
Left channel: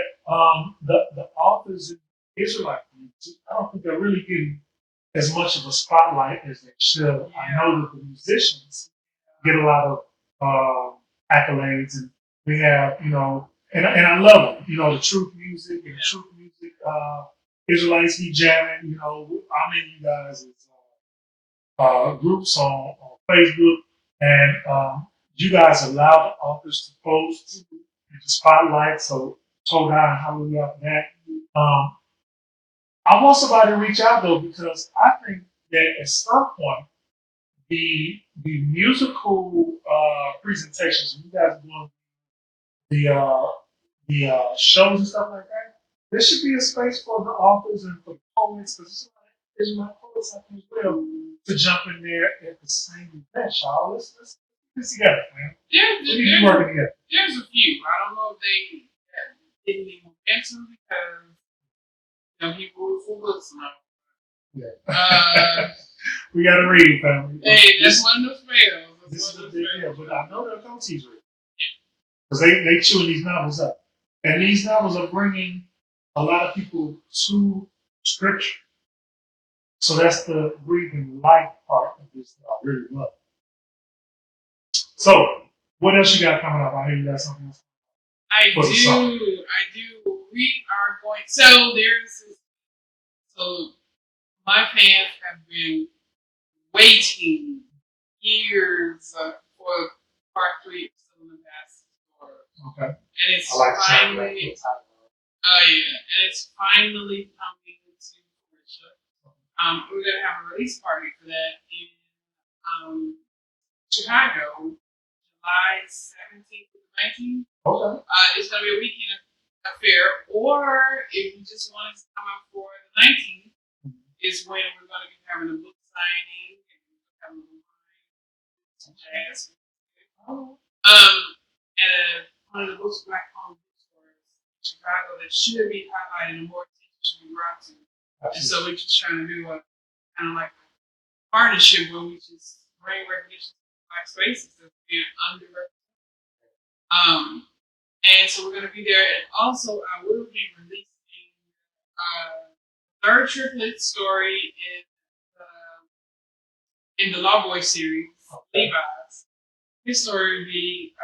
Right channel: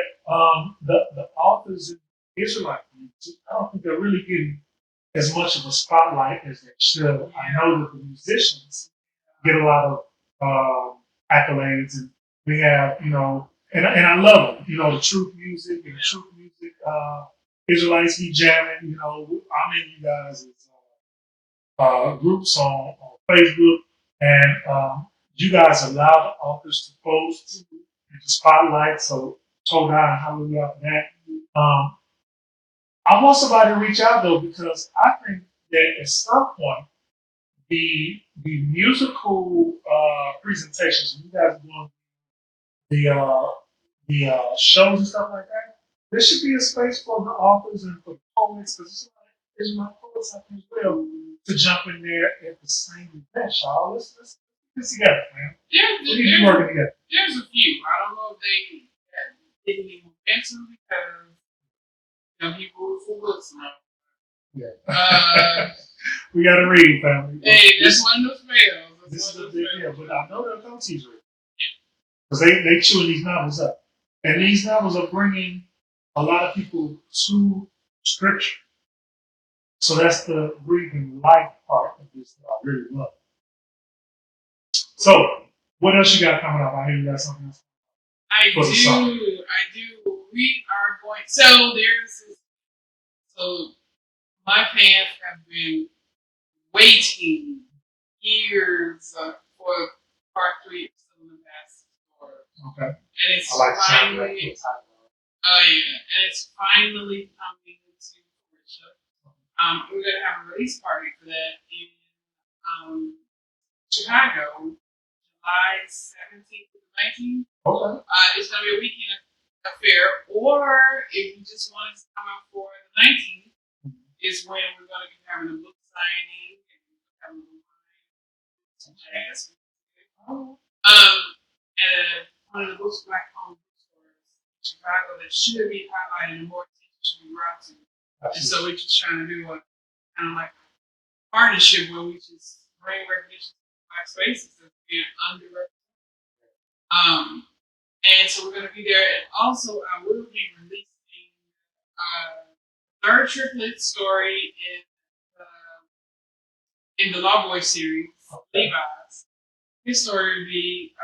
the authors in the Israelite community, I don't think they're really getting as much of a spotlight as they should. I know that the musicians get a lot of accolades, and we have, and I love them, the truth music and the truth music, Israelites be jamming, how many of you guys is groups on Facebook, and you guys allow the authors to post and to spotlight, so toe down, hallelujah for that. I want somebody to reach out though, because I think that at some point the musical presentations, when you guys are doing the shows and stuff like that, there should be a space for the authors and for the poets, because there's my poets I think as well, to jump in there at the same event, y'all. Let's put this together, man. Yeah, we need to be working together. There's a few. I don't know if they didn't even mention because he rules for books now. Yeah. We gotta read, family. Hey, that's one of those fails. This is a big deal, but I know they'll come teach read. Because they chewing these novels up. And these novels are bringing a lot of people to scripture. So that's the breathing life part of this that I really love. So, what else you got coming up? I hear you got something else. I do. We are going. So my fans have been waiting years for part 3 of Cinema Passport. Okay. And it's finally. Oh yeah, and it's finally coming to fruition. We're gonna have a release party for that in Chicago, July 17th to 19th. Okay. It's gonna be a weekend affair, or if you just want us to come out for the 19th, is when we're gonna be having a book signing and having some jazz. And one of the most black-owned bookstores in Chicago that should be highlighted and more attention should be brought to. And so we're just trying to do a kind of like a partnership where we just bring recognition to black spaces as being underrepresented. And so we're going to be there. And also, I will be releasing third triplet story in the Law Boy series, Levi's. His story will be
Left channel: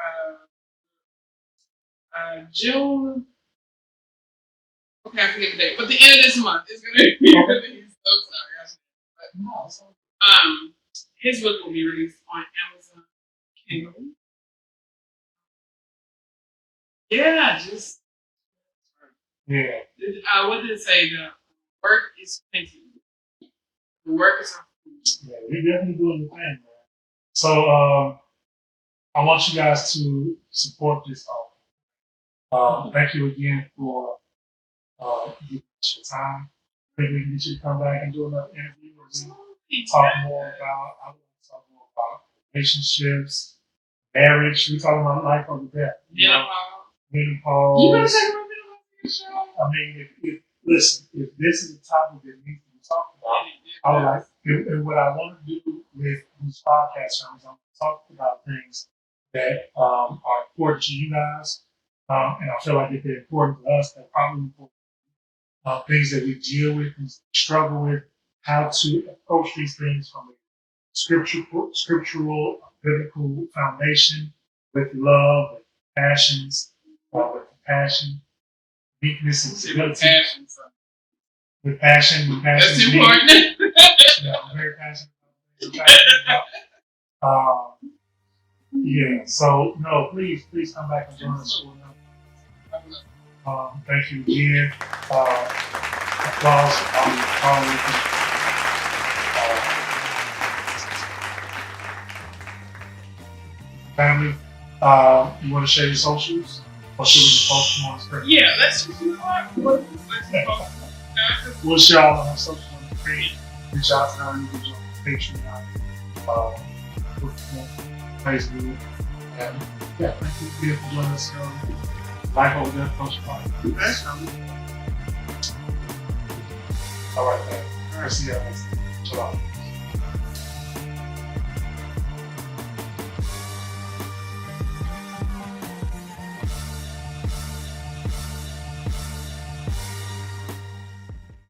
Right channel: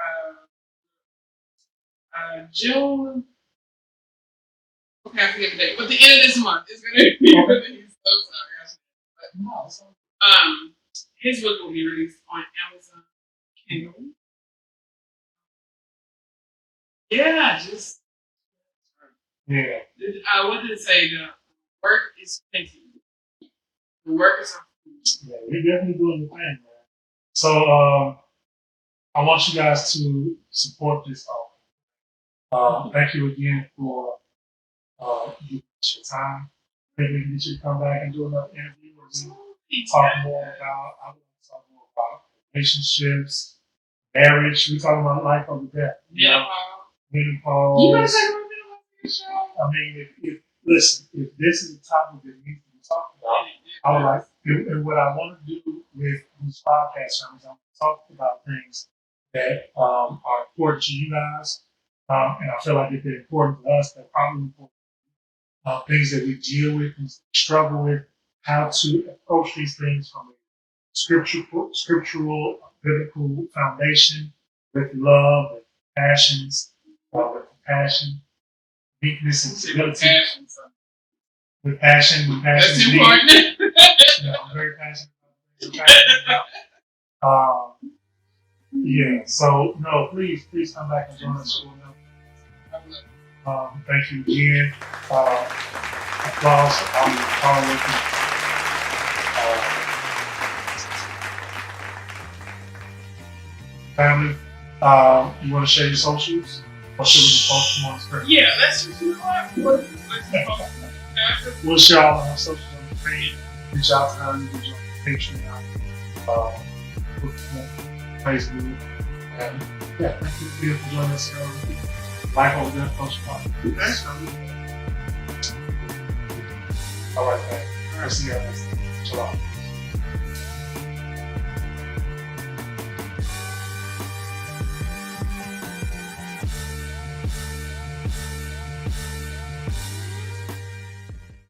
June. Okay, I forget the date, but the end of this month is going to be released. So sorry. His book will be released on Amazon Kindle. Yeah, just. Yeah. What did it say? The work is thinking. The work is. Yeah, we're definitely doing the thing, man. So I want you guys to support this offer. Thank you again for giving us your time. Maybe we can get you to come back and do another interview or talk more about relationships, marriage. We talking about life over death. Menopause. I mean, if this is a topic that needs to be talked about, I would like, and what I want to do with these podcasts, I want to talk about things that are important to you guys, and I feel like if they're important to us, they're probably important. Things that we deal with, things that we struggle with, how to approach these things from a scriptural, biblical foundation, with love, with passions, with compassion, meekness, and stability. With passion. That's important. Yeah, I'm very passionate about things. Yeah, so no, please come back and join us. Thank you again. Applause. Family, you want to share your socials? Or should we just post them on screen? Yeah, that's We'll share all of our socials on the screen. Reach out to her, you can join Patreon, Facebook, and yeah, thank you for joining us. Life over there, Coach Park. All right, man. I'll see you guys. Shalom.